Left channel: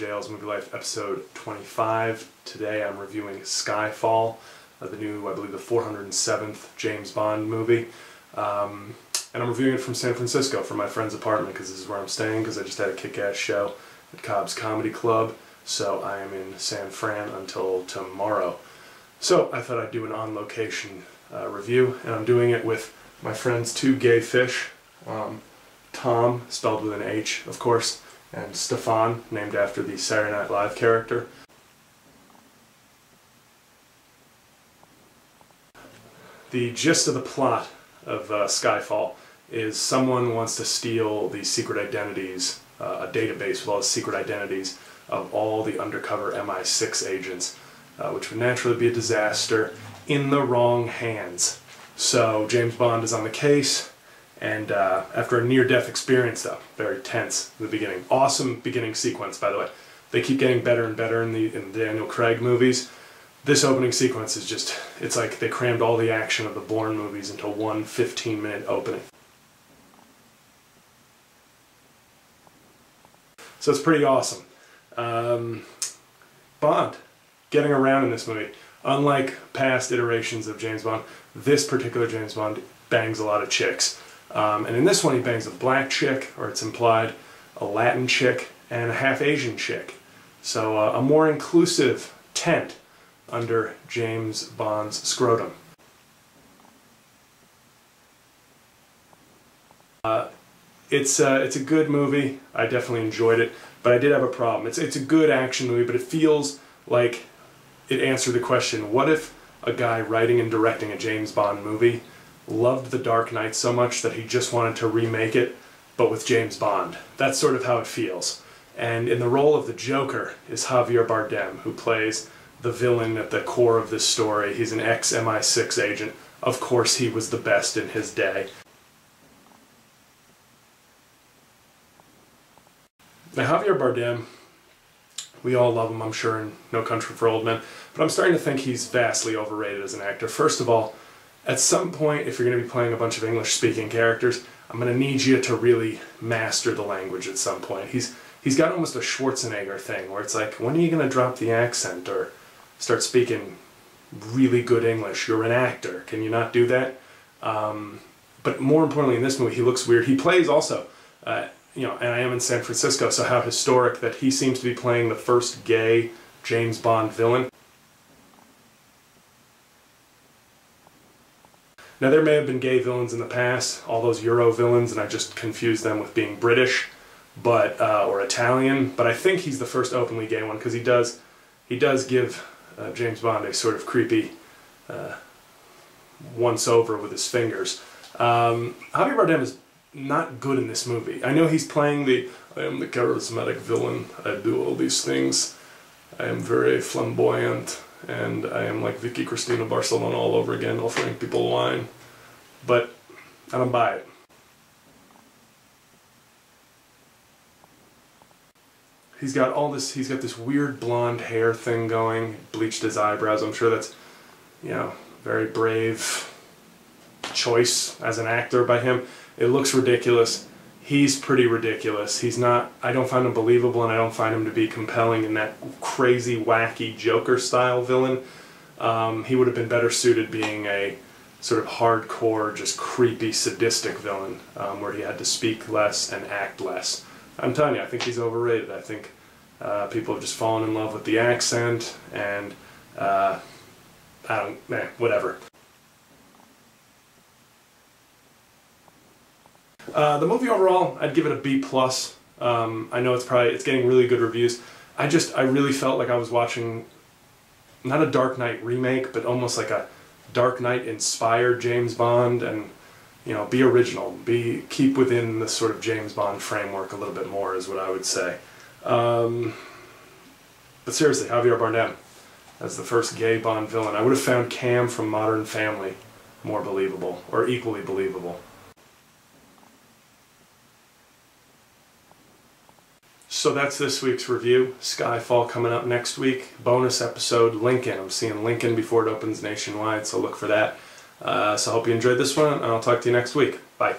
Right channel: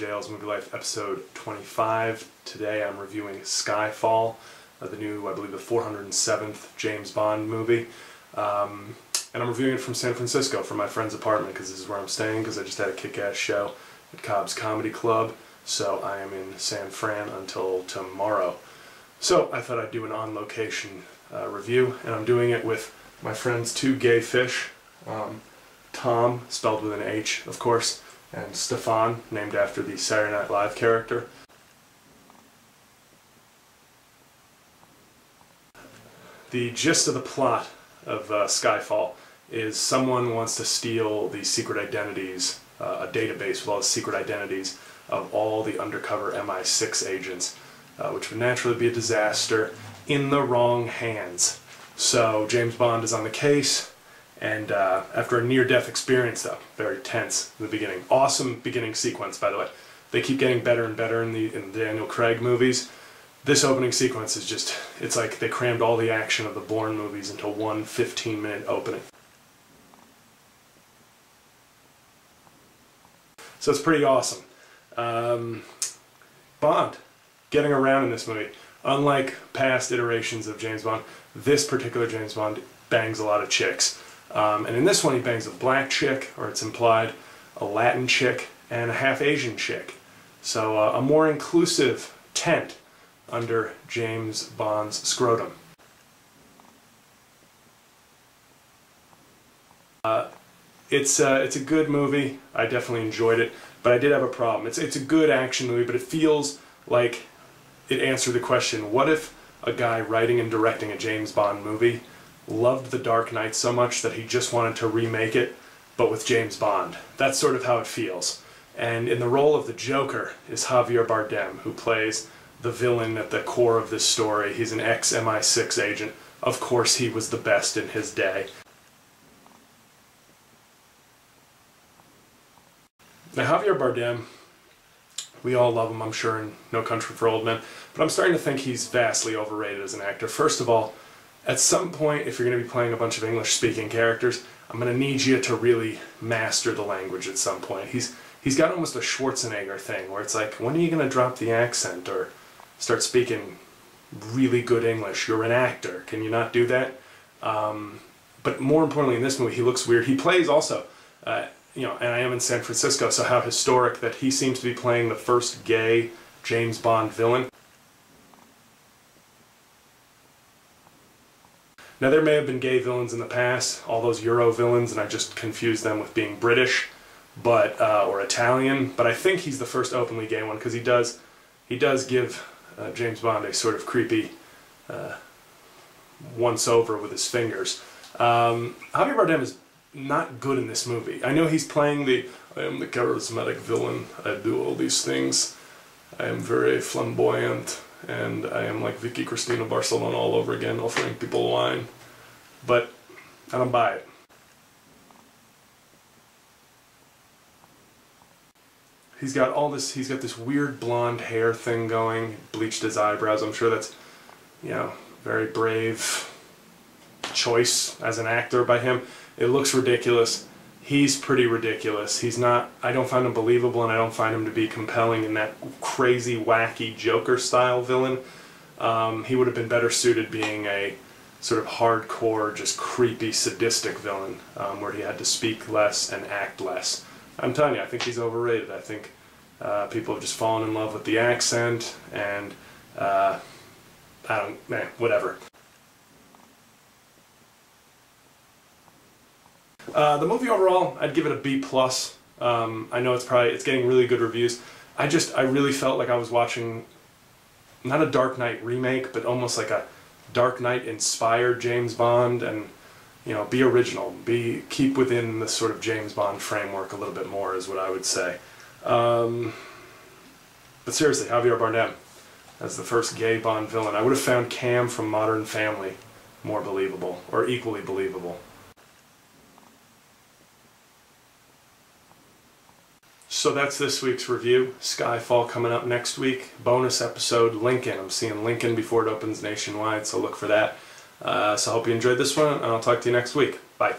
Jail's Movie Life episode 25. Today I'm reviewing Skyfall, the new, I believe, the 407th James Bond movie. And I'm reviewing it from San Francisco, from my friend's apartment, because this is where I'm staying, because I just had a kick-ass show at Cobb's Comedy Club. So I am in San Fran until tomorrow. So I thought I'd do an on-location review, and I'm doing it with my friend's two gay fish. Tom, spelled with an H, of course, and Stefan, named after the Saturday Night Live character. The gist of the plot of Skyfall is someone wants to steal the secret identities, a database with all the secret identities of all the undercover MI6 agents, which would naturally be a disaster in the wrong hands. So James Bond is on the case, and after a near-death experience, though, very tense in the beginning. Awesome beginning sequence, by the way. They keep getting better and better in the Daniel Craig movies. This opening sequence is just, it's like they crammed all the action of the Bourne movies into one 15-minute opening. So it's pretty awesome. Bond, getting around in this movie. Unlike past iterations of James Bond, this particular James Bond bangs a lot of chicks. And in this one he bangs a black chick, or it's implied, a Latin chick, and a half-Asian chick. So a more inclusive tent under James Bond's scrotum. It's a good movie. I definitely enjoyed it, but I did have a problem. It's a good action movie, but it feels like it answered the question, what if a guy writing and directing a James Bond movie loved The Dark Knight so much that he just wanted to remake it, but with James Bond? That's sort of how it feels. And in the role of the Joker is Javier Bardem, who plays the villain at the core of this story. He's an ex-MI6 agent. Of course he was the best in his day. Now Javier Bardem, we all love him, I'm sure, in No Country for Old Men, but I'm starting to think he's vastly overrated as an actor. First of all, at some point, if you're going to be playing a bunch of English-speaking characters, I'm going to need you to really master the language at some point. He's got almost a Schwarzenegger thing, where it's like, when are you going to drop the accent or start speaking really good English? You're an actor. Can you not do that? But more importantly, in this movie, he looks weird. He plays also, you know, and I am in San Francisco, so how historic that he seems to be playing the first gay James Bond villain. Now, there may have been gay villains in the past, all those Euro villains, and I just confused them with being British, but or Italian. But I think he's the first openly gay one, because he does give James Bond a sort of creepy once-over with his fingers. Javier Bardem is not good in this movie. I know he's playing I am the charismatic villain, I do all these things, I am very flamboyant, and I am like Vicky Cristina Barcelona all over again, offering people wine. But I don't buy it. He's got this weird blonde hair thing going, bleached his eyebrows. I'm sure that's, you know, very brave choice as an actor by him. It looks ridiculous. He's pretty ridiculous. He's not, I don't find him believable, and I don't find him to be compelling in that crazy, wacky Joker-style villain. He would have been better suited being a sort of hardcore, just creepy, sadistic villain, where he had to speak less and act less. I'm telling you, I think he's overrated. I think people have just fallen in love with the accent, and whatever. The movie overall, I'd give it a B+. I know it's getting really good reviews. I really felt like I was watching not a Dark Knight remake, but almost like a Dark Knight inspired James Bond, and you know, be original, keep within the sort of James Bond framework a little bit more is what I would say. But seriously, Javier Bardem as the first gay Bond villain. I would have found Cam from Modern Family more believable, or equally believable. So that's this week's review. Skyfall coming up next week. Bonus episode, Lincoln. I'm seeing Lincoln before it opens nationwide, so look for that. So I hope you enjoyed this one, and I'll talk to you next week. Bye.